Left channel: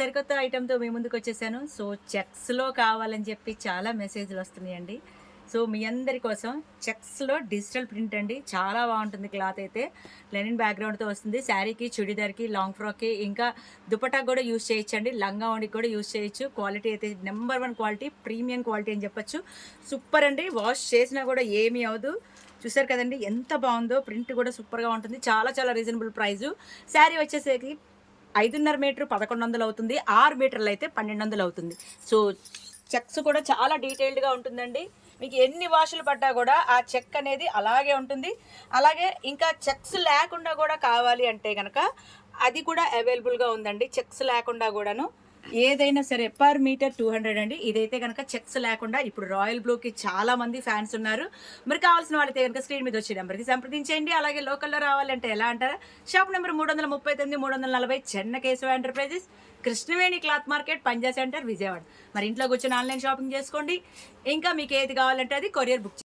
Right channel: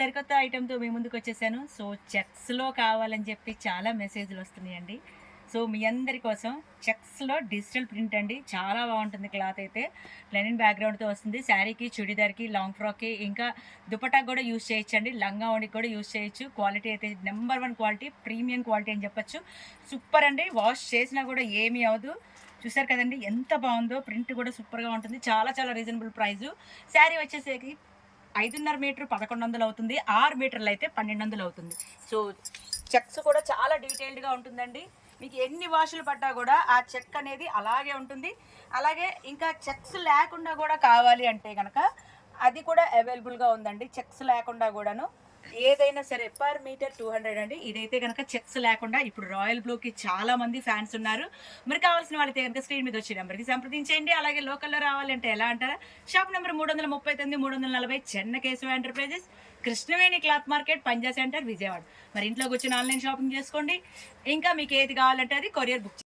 సరికొత్త ఐటెమ్‌తో మీ ముందుకొచ్చేసాను. సో, చెక్స్‌లో కావాలని చెప్పి చాలా మెసేజ్‌లు వస్తున్నాయండి. సో, మీ అందరి కోసం చెక్స్‌లో డిజిటల్ ప్రింట్ అండి. చాలా బావుంటుంది క్లాత్ అయితే. లెనిన్ బ్యాక్‌గ్రౌండ్‌తో వస్తుంది. శారీకి, చుడిదార్‌కి, లాంగ్ ఫ్రాక్‌కి ఇంకా దుపట్టాకి గూడా యూజ్ చేయొచ్చండి. లంగా ఓణికి కూడా యూజ్ చేయొచ్చు. క్వాలిటీ అయితే నంబర్ 1 క్వాలిటీ, ప్రీమియం క్వాలిటీ అని చెప్పొచ్చు. సూపర్ అండి. వాష్ చేసినా కూడా ఏమీ అవ్వదు. చూసారు కదండీ! ఎంత బావుందో. ప్రింట్ కూడా సూపర్‌గా ఉంటుంది. చాలా చాలా రీజనబుల్ ప్రైజు. శారీ వచ్చేసేకి 5.5 మీటర్ 1100 అవుతుంది. 6 మీటర్లయితే 1200 అవుతుంది. సో, చెక్స్ కూడా చాలా డీటెయిల్డ్‌గా ఉంటుందండి. మీకు ఎన్ని వాషులు పడ్డా గూడా ఆ చెక్ అనేది అలాగే ఉంటుంది. అలాగే ఇంకా చెక్స్ లేకుండా గూడా కావాలి అంటే గనక అది కూడా అవైలబుల్‌గా ఉందండి. చెక్స్ లేకుండా గూడాను. ఏదైనా సరే పర్ మీటర్ 200 అండి. ఇదైతే గనక చెక్స్ లేకుండా ఇప్పుడు రాయల్ బ్లూకి చాలా మంది ఫ్యాన్స్ ఉన్నారు. మరి కావాల్సిన వాళ్ళైతే గనక స్క్రీన్ మీద వచ్చే నంబర్‌కి సంప్రదించేయండి. అలాగే లోకల్‌లో రావాలంటే ఎలా అంటారా? Shop number 339, 340 Chennakesava enterprises, Krishnaveni cloth market, Panja centre, Vijayawada. మరి ఇంట్లో కూర్చొని ఆన్‌లైన్ షాపింగ్ చేసుకోండి. ఇంకా మీకు ఏది కావాలంటే అది కొరియర్ బుక్